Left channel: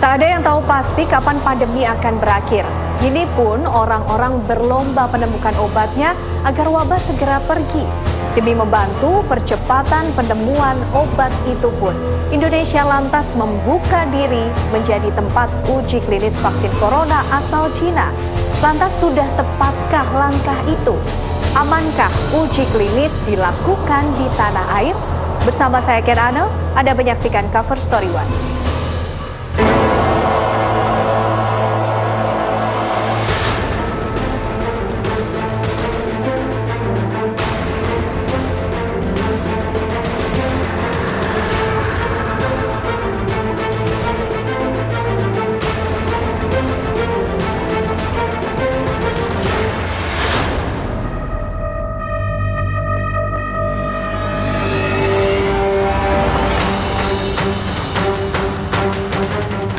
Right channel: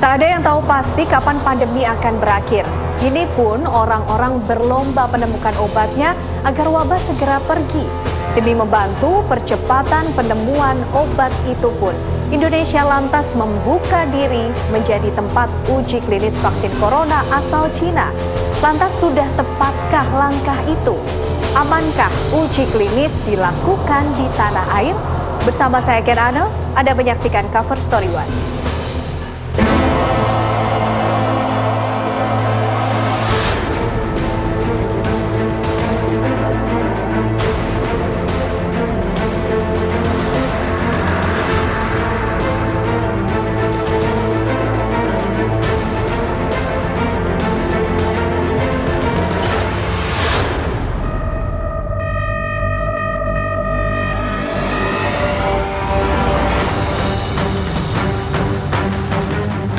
Tak ada yang tahu pasti kapan pandemi akan berakhir. Kini pun orang-orang berlomba menemukan obatnya agar wabah segera pergi. Demi membantu percepatan penemuan obat itu pun, Indonesia lantas membuka diri menjadi tempat uji klinis vaksin corona asal Cina. Lantas sudah tepatkah langkah itu? Amankah uji klinis dilakukan di tanah air? Bersama saya Ken Ane, Anda menyaksikan Cover Story One.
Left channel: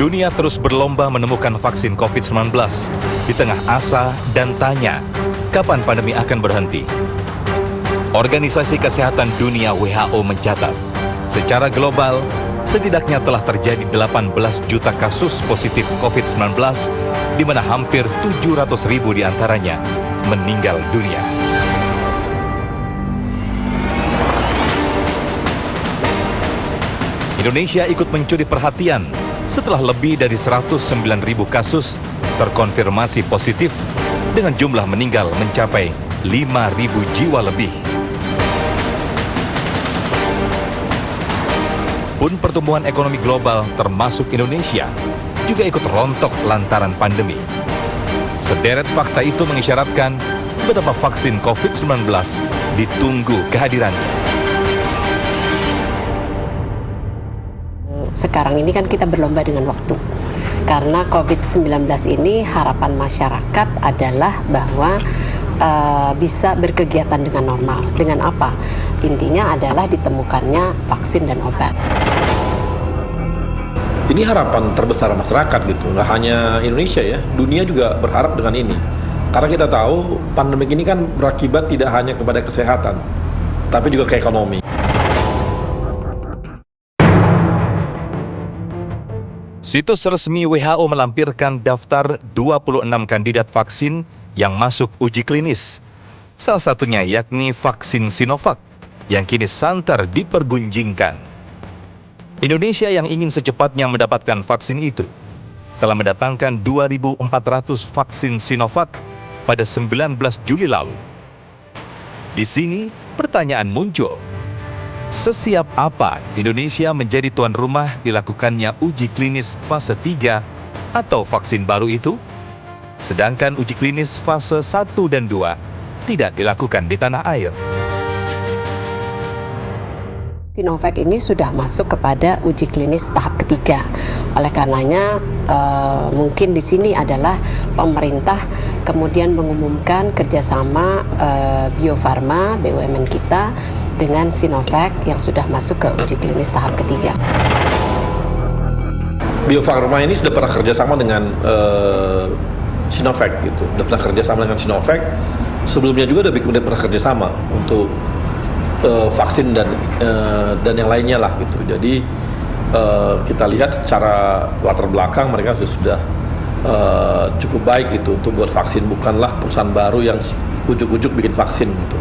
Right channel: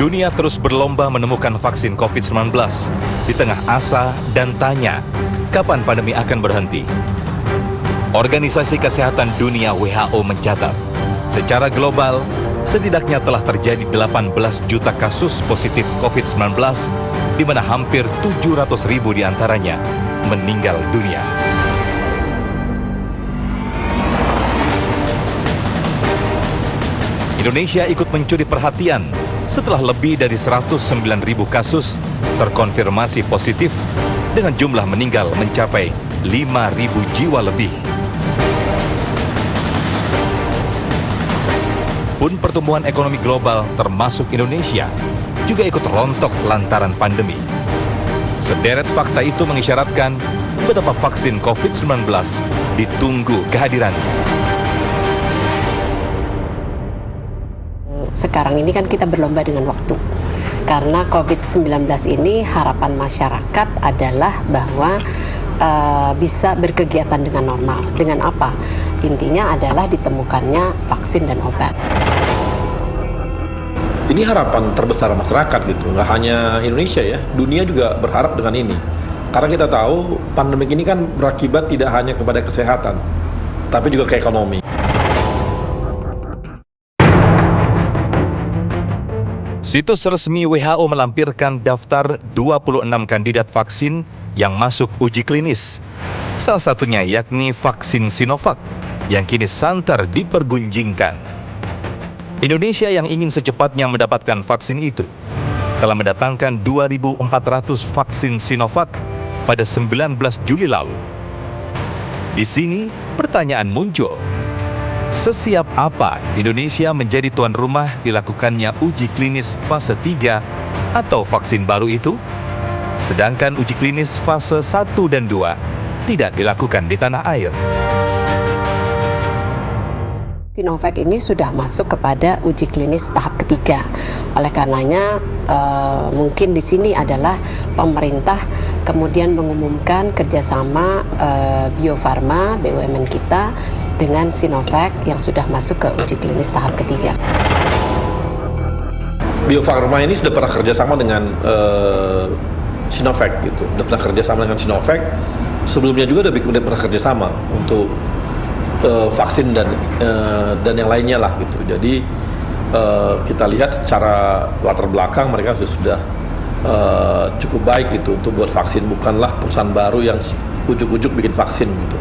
Dunia terus berlomba menemukan vaksin COVID-19 di tengah asa dan tanya, kapan pandemi akan berhenti? Organisasi Kesehatan Dunia WHO mencatat, secara global, setidaknya telah terjadi 18 juta kasus positif COVID-19, di mana hampir 700.000 diantaranya meninggal dunia. Indonesia ikut mencuri perhatian setelah lebih dari 109.000 kasus terkonfirmasi positif dengan jumlah meninggal mencapai 5.000 jiwa lebih. Pun pertumbuhan ekonomi global termasuk Indonesia juga ikut rontok lantaran pandemi. Sederet fakta itu mengisyaratkan betapa vaksin COVID-19 ditunggu kehadirannya. Sekarang ini kan kita berlomba dengan waktu. Karena COVID-19 ini harapan masyarakat adalah bahwa bisa berkegiatan dengan normal. Dengan apa? Intinya adalah ditemukannya vaksin dan obat. Ini harapan terbesar masyarakat gitu, nggak hanya Indonesia ya, dunia juga berharap dengan ini. Karena kita tahu pandemi ini kan berakibat tidak hanya kepada kesehatan, tapi juga ke ekonomi. Situs resmi WHO melampirkan daftar 26 kandidat vaksin yang masuk uji klinis. Salah satunya yakni vaksin Sinovac yang kini santer dipergunjingkan. Indonesia yang ingin secepatnya mendapatkan vaksin itu telah mendatangkan 2.400 vaksin Sinovac pada 19 Juli lalu. Di sini pertanyaan muncul. Sesiap apa Indonesia menjadi tuan rumah dilakukannya uji klinis fase 3 atau vaksin baru itu? Sedangkan uji klinis fase 1 dan 2 tidak dilakukan di tanah air. Sinovac ini sudah masuk kepada uji klinis tahap ketiga. Oleh karenanya mungkin di sini adalah pemerintah kemudian mengumumkan kerjasama Bio Farma BUMN kita dengan Sinovac yang sudah masuk ke uji klinis tahap ketiga. Bio Farma ini sudah pernah kerjasama dengan Sinovac gitu, sudah pernah kerjasama dengan Sinovac. Sebelumnya juga udah pernah kerjasama untuk vaksin dan yang lainnya lah gitu. Jadi kita lihat secara latar belakang mereka sudah cukup baik gitu untuk buat vaksin, bukanlah perusahaan baru yang ujuk-ujuk bikin vaksin gitu.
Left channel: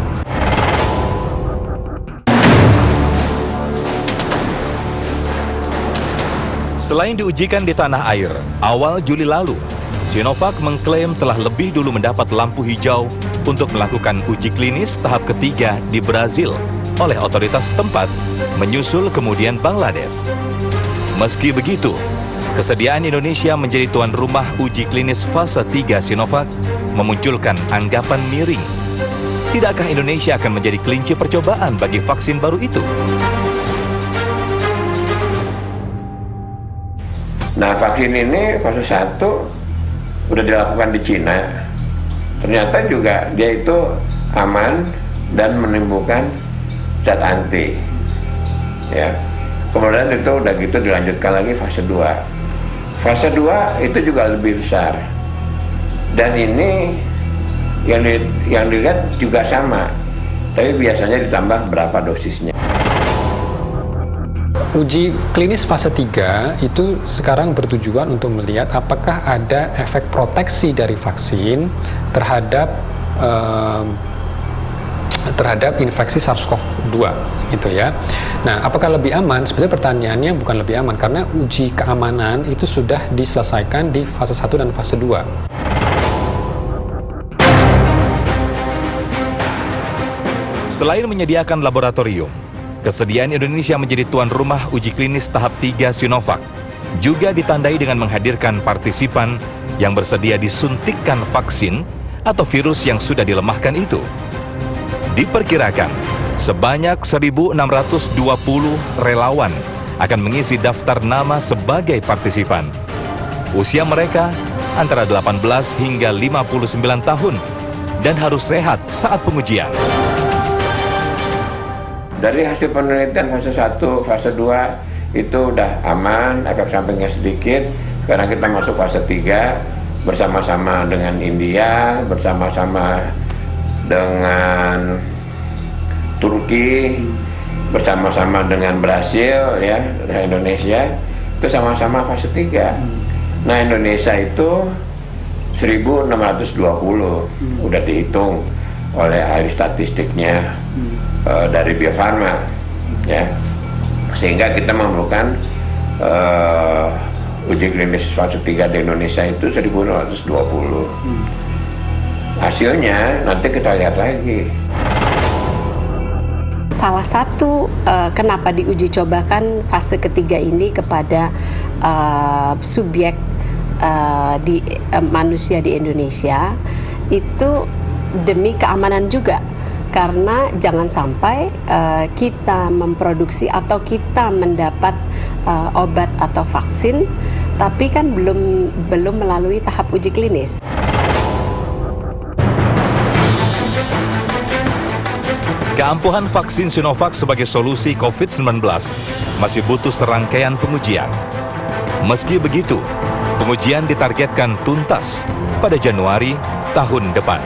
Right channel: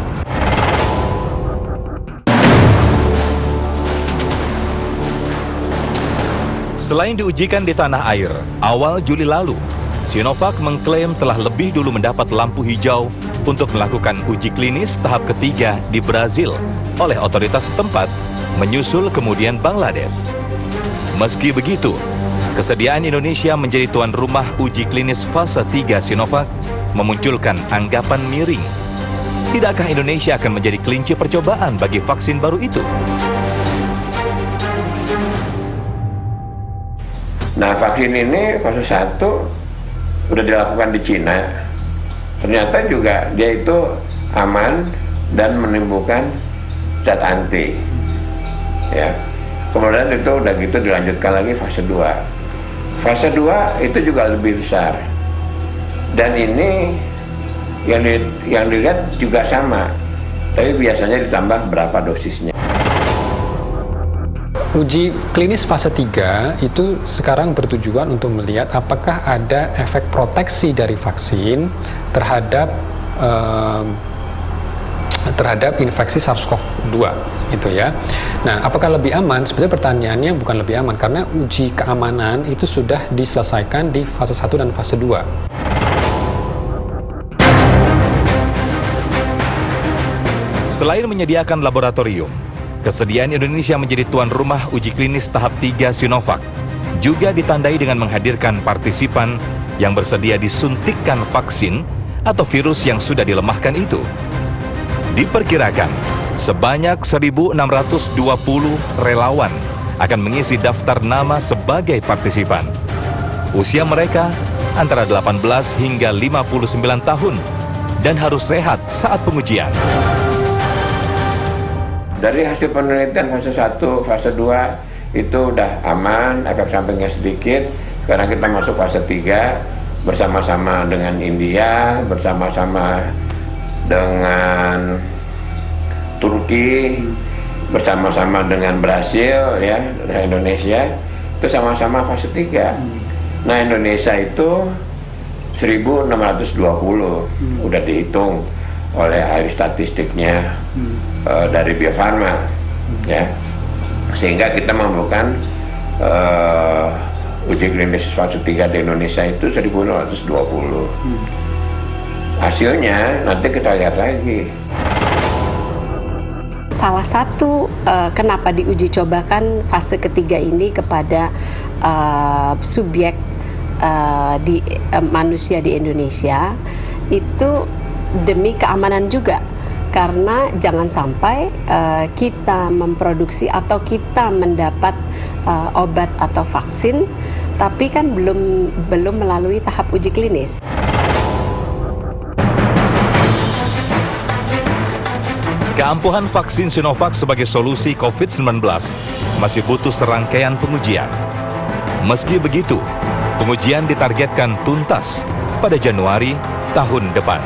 Selain diujikan di tanah air, awal Juli lalu, Sinovac mengklaim telah lebih dulu mendapat lampu hijau untuk melakukan uji klinis tahap ketiga di Brazil oleh otoritas setempat, menyusul kemudian Bangladesh. Meski begitu, kesediaan Indonesia menjadi tuan rumah uji klinis fase 3 Sinovac memunculkan anggapan miring. Tidakkah Indonesia akan menjadi kelinci percobaan bagi vaksin baru itu? Nah, vaksin ini fase 1 udah dilakukan di Cina. Ternyata juga dia itu aman dan menimbulkan zat anti. Ya. Kemudian itu udah gitu dilanjutkan lagi fase 2. Fase 2 itu juga lebih besar. Dan ini yang dilihat juga sama. Tapi biasanya ditambah berapa dosisnya. Uji klinis fase 3 itu sekarang bertujuan untuk melihat apakah ada efek proteksi dari vaksin terhadap infeksi SARS-CoV-2 itu ya. Nah, apakah lebih aman? Sebenarnya pertanyaannya bukan lebih aman, karena uji keamanan itu sudah diselesaikan di fase 1 dan fase 2. Selain menyediakan laboratorium, kesediaan Indonesia menjadi tuan rumah uji klinis tahap 3 Sinovac juga ditandai dengan menghadirkan partisipan yang bersedia disuntikkan vaksin atau virus yang sudah dilemahkan itu. Diperkirakan sebanyak 1.620 relawan akan mengisi daftar nama sebagai partisipan. Usia mereka antara 18 hingga 59 tahun dan harus sehat saat pengujian. Dari hasil penelitian fase 1, fase 2 itu udah aman, efek sampingnya sedikit. Sekarang kita masuk fase 3 bersama-sama dengan India, bersama-sama dengan Turki, bersama-sama dengan Brasil ya, dan Indonesia. Itu sama-sama fase 3. Nah, Indonesia itu 1.620 udah dihitung oleh ahli statistiknya dari Bio Farma ya, sehingga kita memerlukan uji klinis fase 3 di Indonesia itu 1.620. Hasilnya nanti kita lihat lagi. Salah satu kenapa diuji cobakan fase ketiga ini kepada subjek manusia di Indonesia itu demi keamanan juga, karena jangan sampai kita memproduksi atau kita mendapat obat atau vaksin tapi kan belum melalui tahap uji klinis. Keampuhan vaksin Sinovac sebagai solusi COVID-19 masih butuh serangkaian pengujian. Meski begitu, pengujian ditargetkan tuntas pada Januari tahun depan.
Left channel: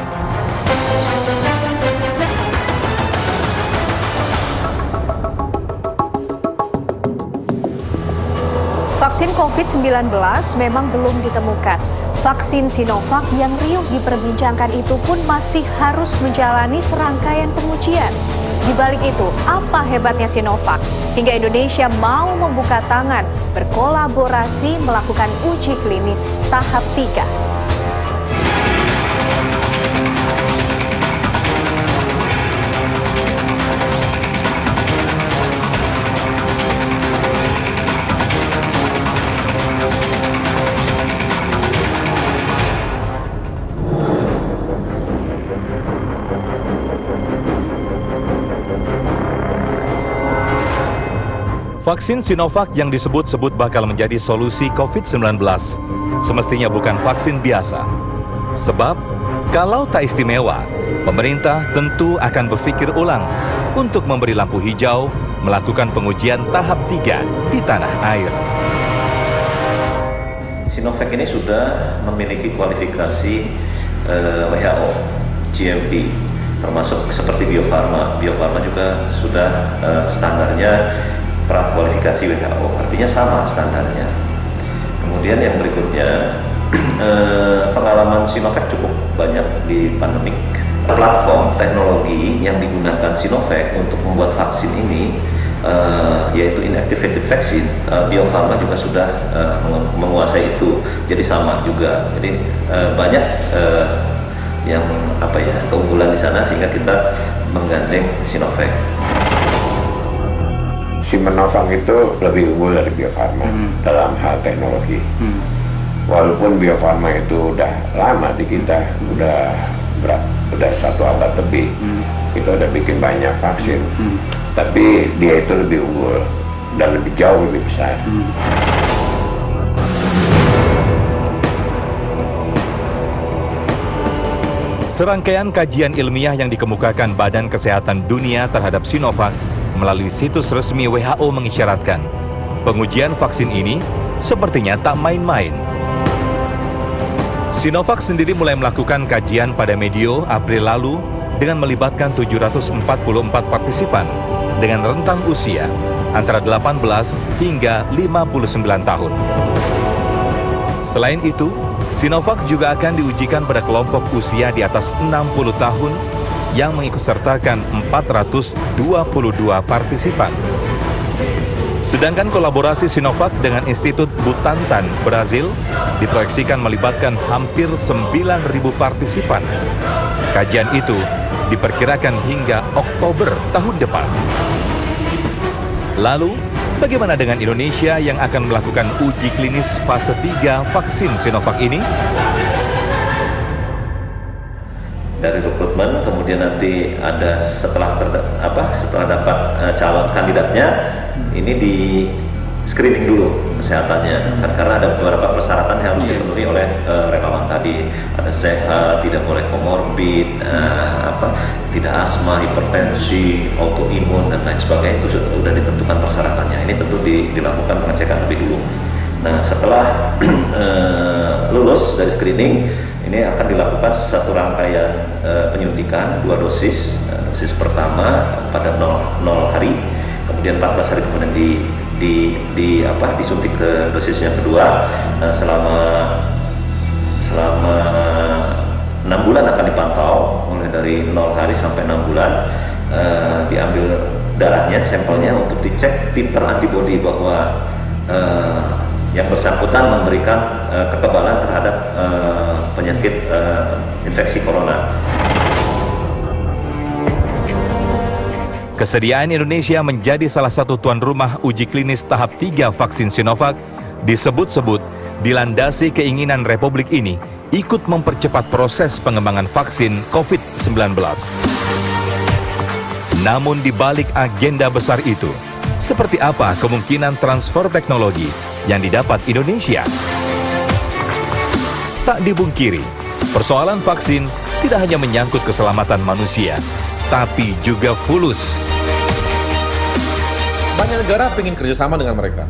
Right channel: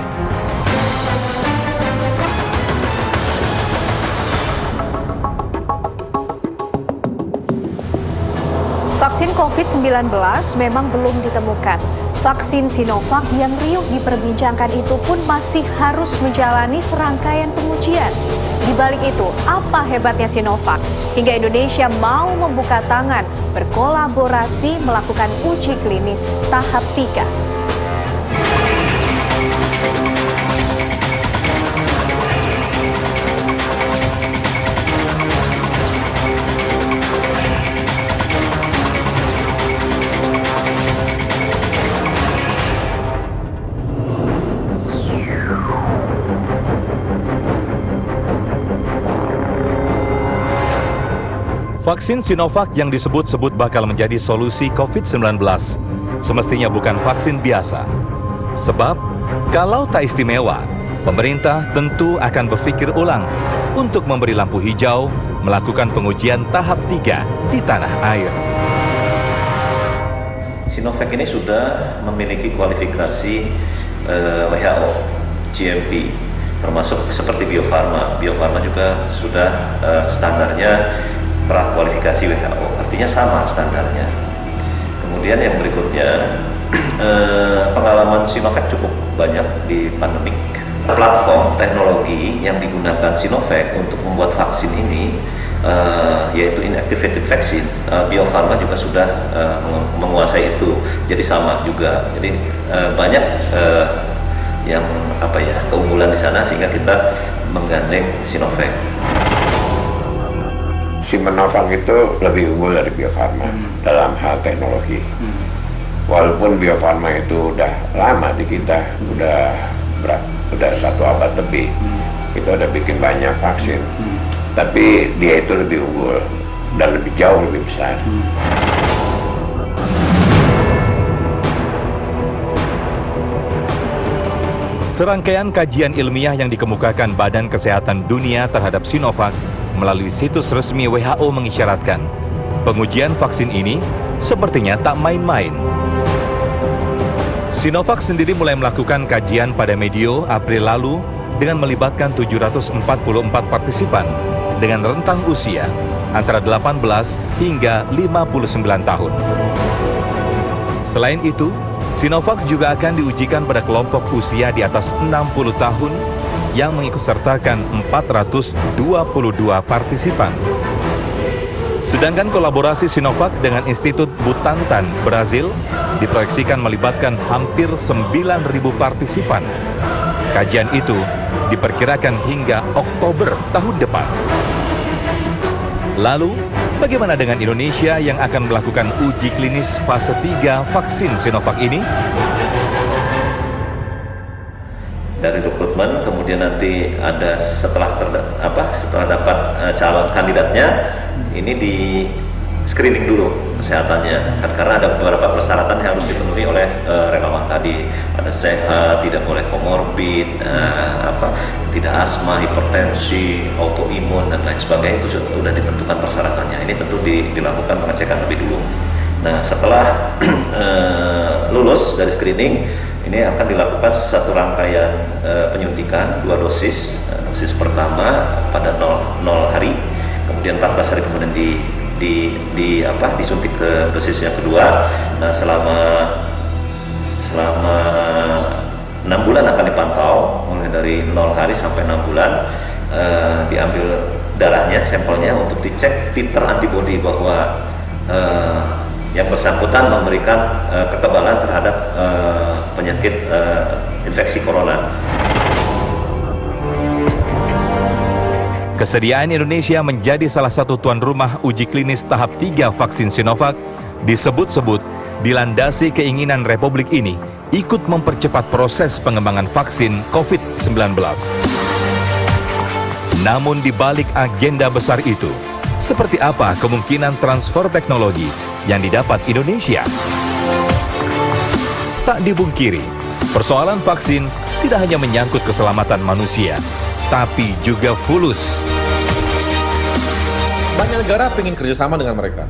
Vaksin COVID-19 memang belum ditemukan. Vaksin Sinovac yang riuh diperbincangkan itu pun masih harus menjalani serangkaian pengujian. Di balik itu, apa hebatnya Sinovac hingga Indonesia mau membuka tangan berkolaborasi melakukan uji klinis tahap 3? Vaksin Sinovac yang disebut-sebut bakal menjadi solusi COVID-19 semestinya bukan vaksin biasa. Sebab, kalau tak istimewa, pemerintah tentu akan berpikir ulang untuk memberi lampu hijau melakukan pengujian tahap 3 di tanah air. Sinovac ini sudah memiliki kualifikasi WHO, GMP, termasuk seperti Bio Farma. Bio Farma juga sudah standarnya prakualifikasi WHO, artinya sama standarnya. Kemudian yang berikutnya, pengalaman Sinovac cukup banyak di pandemik. Platform teknologi yang digunakan Sinovac untuk membuat vaksin ini, yaitu inactivated vaccine, Bio Farma juga sudah menguasai itu, jadi sama juga. Jadi banyak yang keunggulan di sana sehingga kita menggandeng Sinovac. Sinovac itu lebih unggul dari Bio Farma dalam hal teknologi. Walaupun Bio Farma itu udah lama di kita, udah 1 abad lebih, itu udah bikin banyak vaksin, tapi dia itu lebih unggul dan lebih jauh lebih besar. Serangkaian kajian ilmiah yang dikemukakan Badan Kesehatan Dunia terhadap Sinovac melalui situs resmi WHO mengisyaratkan pengujian vaksin ini sepertinya tak main-main. Sinovac sendiri mulai melakukan kajian pada medio April lalu dengan melibatkan 744 partisipan dengan rentang usia antara 18 hingga 59 tahun. Selain itu, Sinovac juga akan diujikan pada kelompok usia di atas 60 tahun yang mengikutsertakan 422 partisipan. Sedangkan kolaborasi Sinovac dengan Institut Butantan, Brazil, diproyeksikan melibatkan hampir 9.000 partisipan. Kajian itu diperkirakan hingga Oktober tahun depan. Lalu, bagaimana dengan Indonesia yang akan melakukan uji klinis fase 3 vaksin Sinovac ini? Dari rekrutmen, kemudian nanti ada setelah dapat calon kandidatnya, ini di screening dulu kesehatannya, kan karena ada beberapa persyaratan yang harus dipenuhi oleh relawan tadi. Ada sehat, tidak boleh komorbid, tidak asma, hipertensi, autoimun dan lain sebagainya, itu sudah ditentukan persyaratannya. Ini tentu dilakukan pengecekan lebih dulu. Nah, setelah lulus dari screening, ini akan dilakukan satu rangkaian penyuntikan 2 dosis. Dosis pertama pada 0 hari, kemudian 14 hari kemudian disuntik ke dosis yang kedua. Nah, selama 6 bulan akan dipantau, mulai dari 0 hari sampai 6 bulan. Diambil darahnya, sampelnya untuk dicek titer antibodi bahwa yang bersangkutan memberikan kekebalan terhadap penyakit infeksi corona. Kesediaan Indonesia menjadi salah satu tuan rumah uji klinis tahap 3 vaksin Sinovac disebut-sebut dilandasi keinginan Republik ini ikut mempercepat proses pengembangan vaksin COVID-19. Namun di balik agenda besar itu, seperti apa kemungkinan transfer teknologi yang didapat Indonesia? Tak dibungkiri, persoalan vaksin tidak hanya menyangkut keselamatan manusia, tapi juga fulus. Banyak negara ingin kerjasama dengan mereka,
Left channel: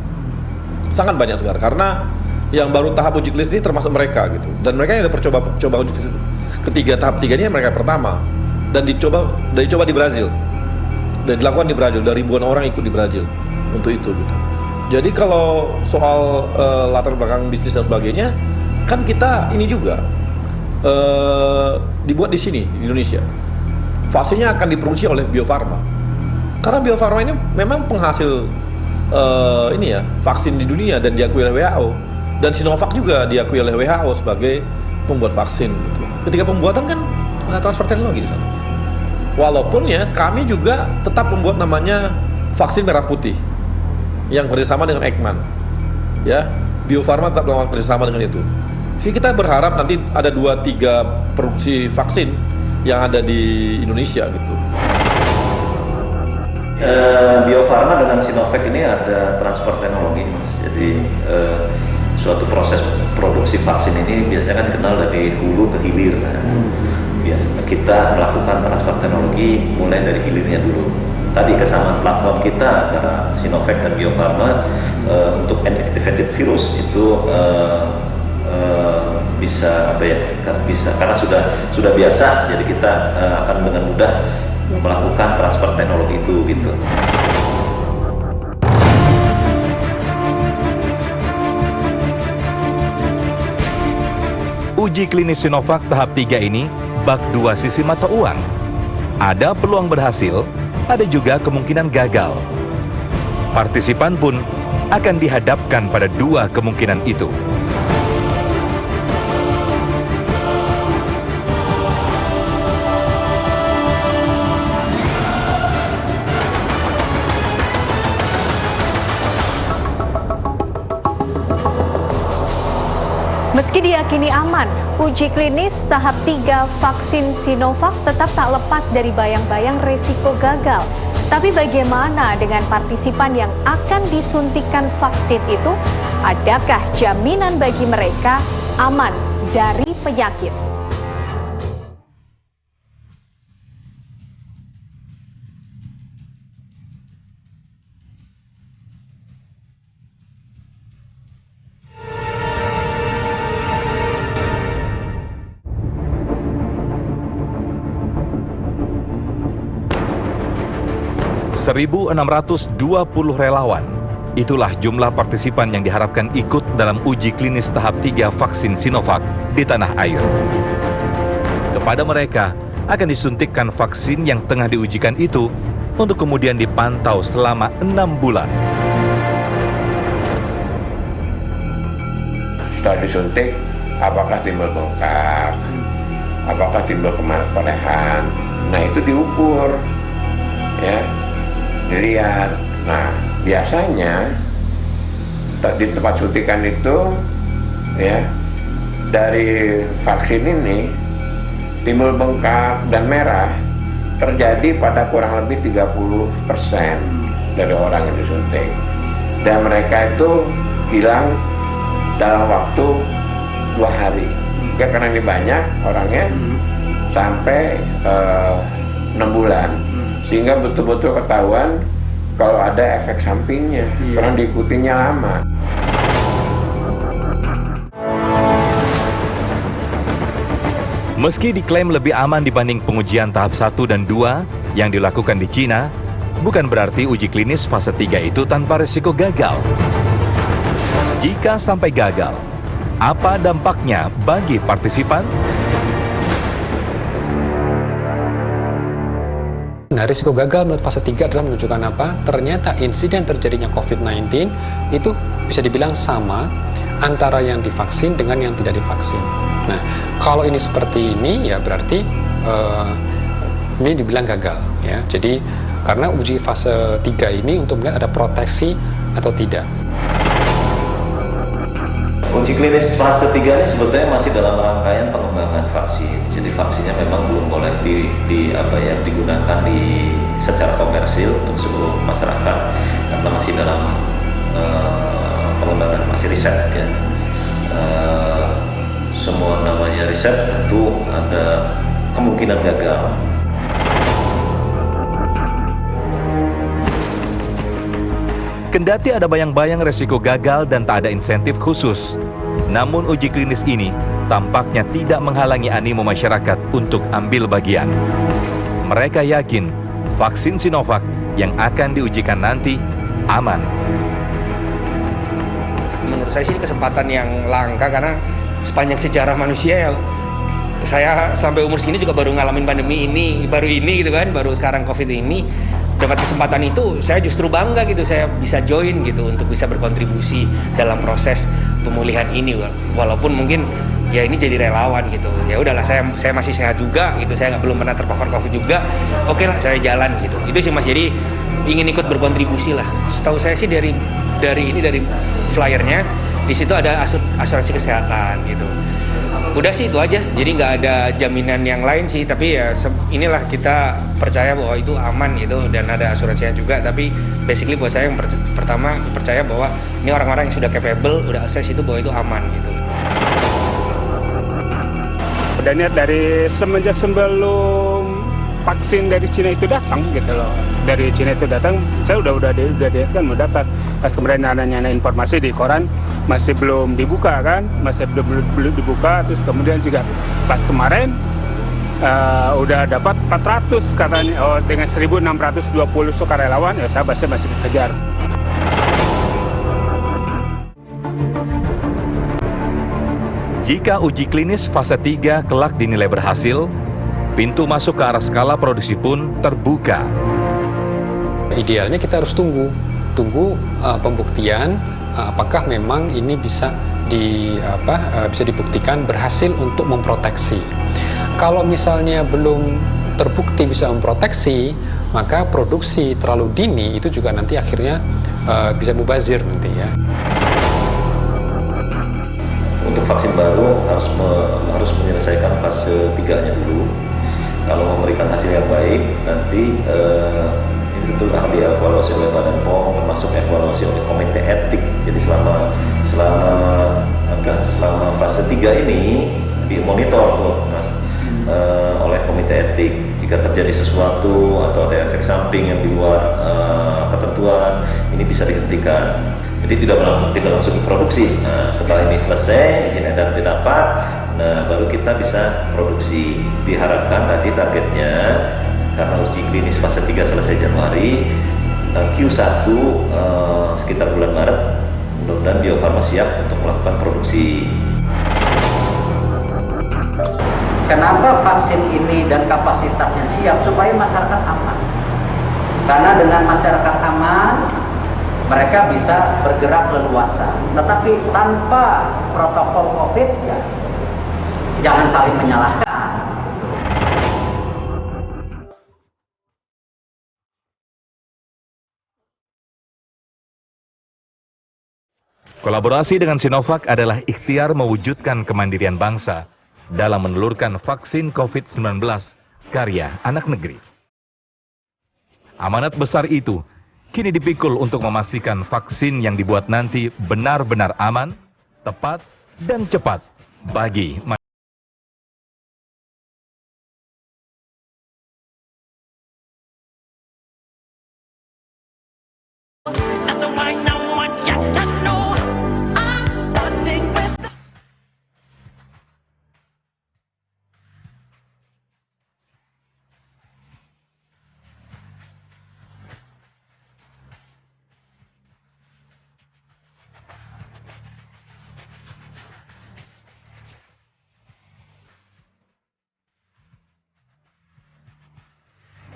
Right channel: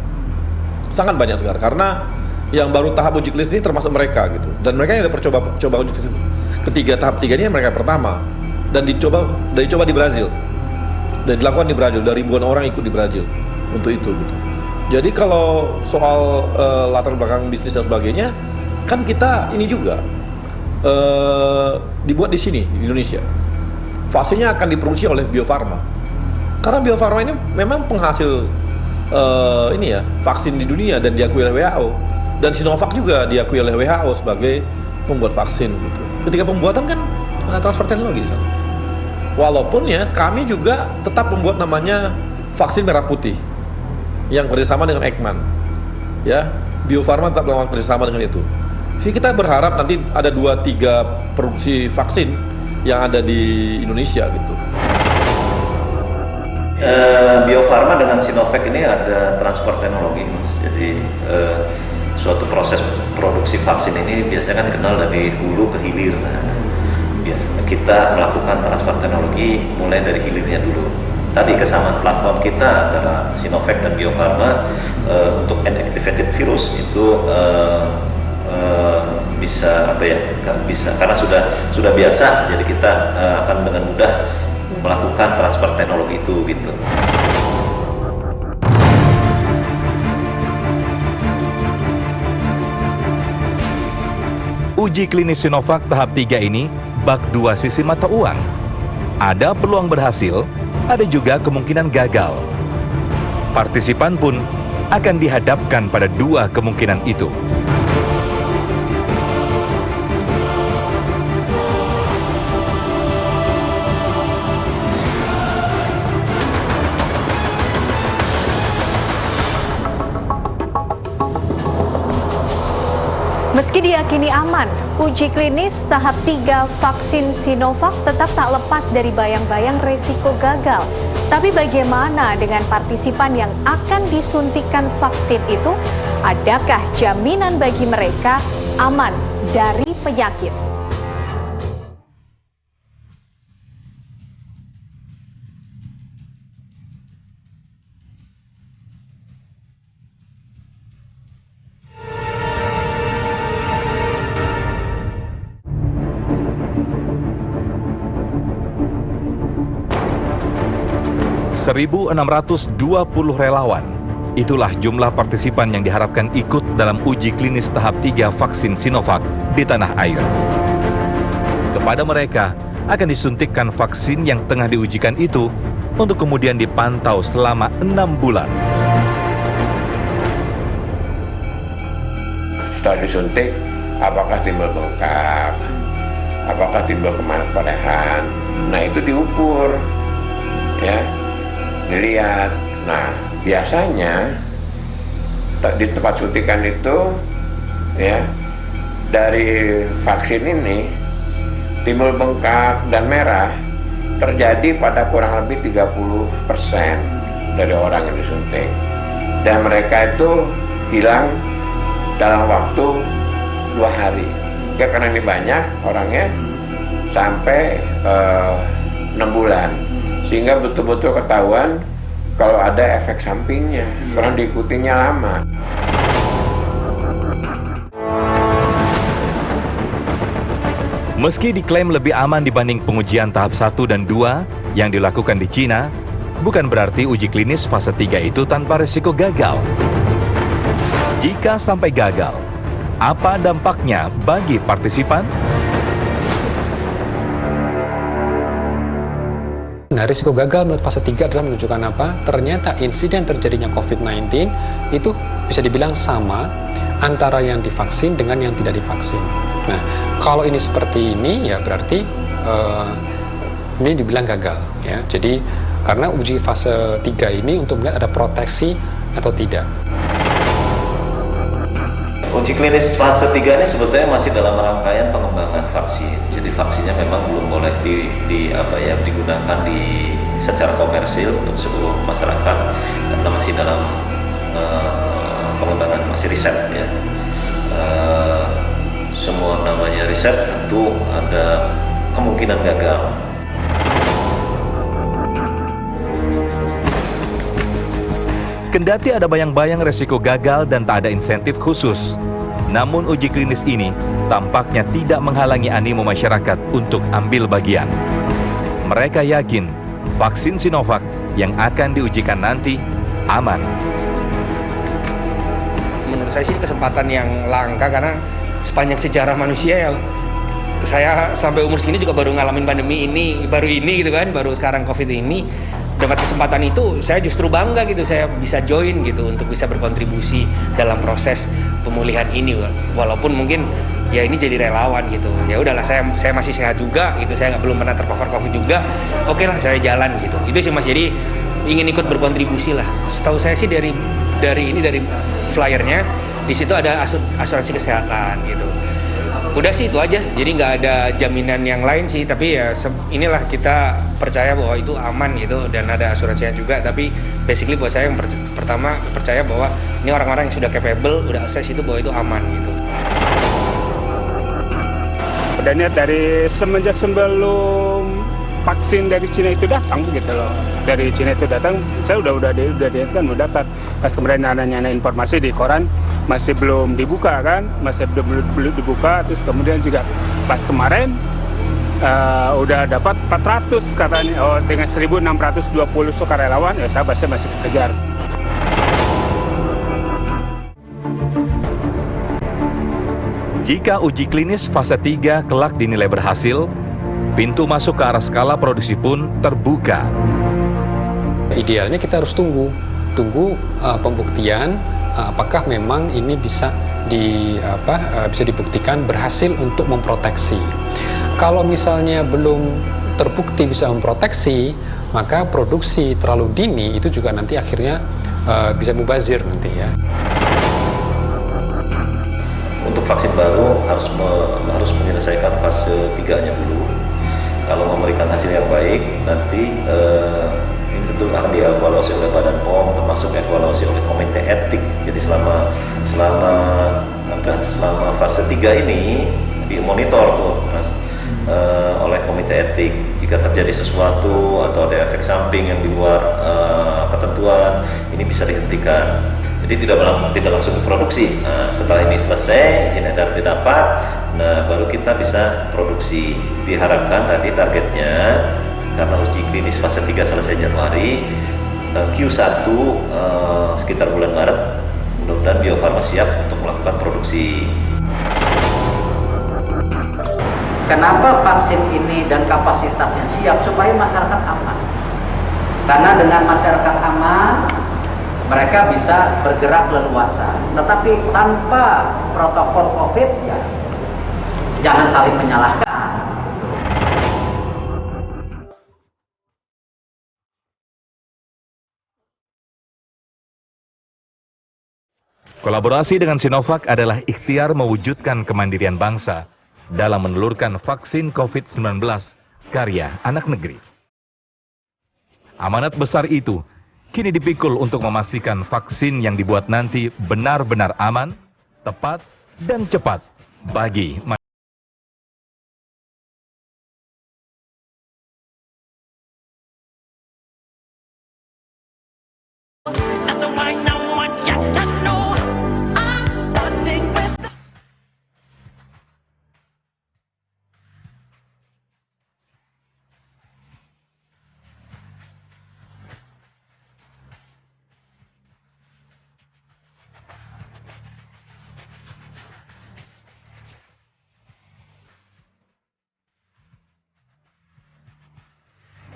sangat banyak negara, karena yang baru tahap uji klinis ini termasuk mereka gitu, dan mereka yang udah coba uji klinis ketiga, tahap 3 ini mereka pertama, dan dicoba di Brazil, dan dilakukan di Brazil, dari ribuan orang ikut di Brazil untuk itu gitu. Jadi kalau soal latar belakang bisnis dan sebagainya, kan kita ini juga dibuat di sini di Indonesia. Vaksinnya akan diproduksi oleh Bio Farma. Karena Bio Farma ini memang penghasil vaksin di dunia dan diakui oleh WHO, dan Sinovac juga diakui oleh WHO sebagai pembuat vaksin gitu. Ketika pembuatan kan ada transfer teknologi di sana. Walaupun ya kami juga tetap membuat namanya vaksin merah putih yang kerjasama dengan Eijkman, ya. Bio Farma tetap melakukan kerjasama dengan itu. Jadi kita berharap nanti ada 2-3 produksi vaksin yang ada di Indonesia gitu. Bio Farma dengan Sinovac ini ada transfer teknologi, Mas. Jadi suatu proses produksi vaksin ini biasanya kan dikenal dari hulu ke hilir. Biasanya kita melakukan transfer teknologi mulai dari hilirnya dulu. Tadi kesamaan platform kita antara Sinovac dan Bio Farma untuk inactivated virus itu bisa karena sudah biasa, jadi kita akan dengan mudah melakukan transfer teknologi itu gitu. Uji klinis Sinovac tahap 3 ini bak 2 sisi mata uang. Ada peluang berhasil, ada juga kemungkinan gagal. Partisipan pun akan dihadapkan pada 2 kemungkinan itu. Meski diyakini aman, uji klinis tahap 3 vaksin Sinovac tetap tak lepas dari bayang-bayang resiko gagal. Tapi bagaimana dengan partisipan yang akan disuntikan vaksin itu? Adakah jaminan bagi mereka aman dari penyakit? 1.620 relawan. Itulah jumlah partisipan yang diharapkan ikut dalam uji klinis tahap 3 vaksin Sinovac di tanah air. Kepada mereka akan disuntikkan vaksin yang tengah diujikan itu untuk kemudian dipantau selama 6 bulan. Setelah disuntik, apakah timbul bengkak, apakah timbul kemerahan, nah itu diukur, ya, dilihat. Nah, biasanya di tempat suntikan itu, ya, dari vaksin ini timbul bengkak dan merah terjadi pada kurang lebih 30% dari orang yang disuntik, dan mereka itu hilang dalam waktu 2 hari. Ya, karena ini banyak orangnya, sampai 6 bulan, sehingga betul-betul ketahuan kalau ada efek sampingnya, karena diikutinya lama. Meski diklaim lebih aman dibanding pengujian tahap 1 dan 2 yang dilakukan di Cina, bukan berarti uji klinis fase 3 itu tanpa risiko gagal. Jika sampai gagal, apa dampaknya bagi partisipan? Nah, risiko gagal menurut fase 3 adalah menunjukkan apa? Ternyata insiden terjadinya COVID-19 itu bisa dibilang sama antara yang divaksin dengan yang tidak divaksin. Nah, kalau ini seperti ini, ya berarti ini dibilang gagal, ya. Jadi, karena uji fase 3 ini untuk melihat ada proteksi atau tidak. Uji klinis fase 3 ini sebetulnya masih dalam rangkaian pengembangan vaksin. Jadi vaksinnya memang belum boleh digunakan secara komersil untuk seluruh masyarakat karena masih dalam pengembangan, masih riset, ya. Semua namanya riset tentu ada kemungkinan gagal. Kendati ada bayang-bayang resiko gagal dan tak ada insentif khusus, namun uji klinis ini tampaknya tidak menghalangi animo masyarakat untuk ambil bagian. Mereka yakin vaksin Sinovac yang akan diujikan nanti aman. Menurut saya sih ini kesempatan yang langka karena sepanjang sejarah manusia, ya, saya sampai umur segini juga baru ngalamin pandemi ini, baru gitu kan, baru sekarang COVID ini. Dapat kesempatan itu, saya justru bangga gitu, saya bisa join gitu untuk bisa berkontribusi dalam proses pemulihan ini, walaupun mungkin ya ini jadi relawan gitu. Ya udahlah, saya masih sehat juga gitu, saya belum pernah terpapar COVID juga. Oke lah, saya jalan gitu. Itu sih Mas, jadi ingin ikut berkontribusi lah. Setahu saya sih dari flyernya di situ ada asuransi kesehatan gitu. Udah sih itu aja, jadi nggak ada jaminan yang lain sih, tapi ya inilah kita percaya bahwa itu aman gitu, dan ada asuransinya juga. Tapi basically buat saya yang pertama percaya bahwa ini orang-orang yang sudah capable, udah assess itu bahwa itu aman gitu. Udah niat dari semenjak sebelum vaksin dari Cina itu datang gitu loh. Dari Cina itu datang, saya udah diingatkan mau daftar. Pas kemarin ada informasi di koran masih belum dibuka kan, masih belum dibuka. Terus kemudian juga pas kemarin udah dapat 400 katanya, dengan 1.620 sukarelawan, ya saya masih kejar. Jika uji klinis fase 3 kelak dinilai berhasil, pintu masuk ke arah skala produksi pun terbuka. Idealnya kita harus tunggu pembuktian apakah memang ini bisa dibuktikan berhasil untuk memproteksi. Kalau misalnya belum terbukti bisa memproteksi, maka produksi terlalu dini itu juga nanti akhirnya bisa mubazir nanti, ya. Untuk vaksin baru harus menyelesaikan fase 3-nya dulu. Kalau memberikan hasil yang baik, nanti ini tentu akan dievaluasi oleh Badan POM, termasuk evaluasi oleh Komite Etik. Jadi selama fase 3 ini dimonitor tuh, Mas, oleh Komite Etik. Jika terjadi sesuatu atau ada efek samping yang di luar ketentuan, ini bisa dihentikan. Jadi tidak langsung diproduksi. Nah, setelah ini selesai, izin edar didapat, nah baru kita bisa produksi. Diharapkan tadi targetnya, karena uji klinis fase 3 selesai Januari, Q1 sekitar bulan Maret, mudah-mudahan Bio Farma siap untuk melakukan produksi. Kenapa vaksin ini dan kapasitasnya siap? Supaya masyarakat aman. Karena dengan masyarakat aman, mereka bisa bergerak leluasa. Tetapi tanpa protokol COVID, ya jangan saling menyalahkan. Kolaborasi dengan Sinovac adalah ikhtiar mewujudkan kemandirian bangsa dalam menelurkan vaksin COVID-19 karya anak negeri. Amanat besar itu kini dipikul untuk memastikan vaksin yang dibuat nanti benar-benar aman, tepat, dan cepat bagi masyarakat.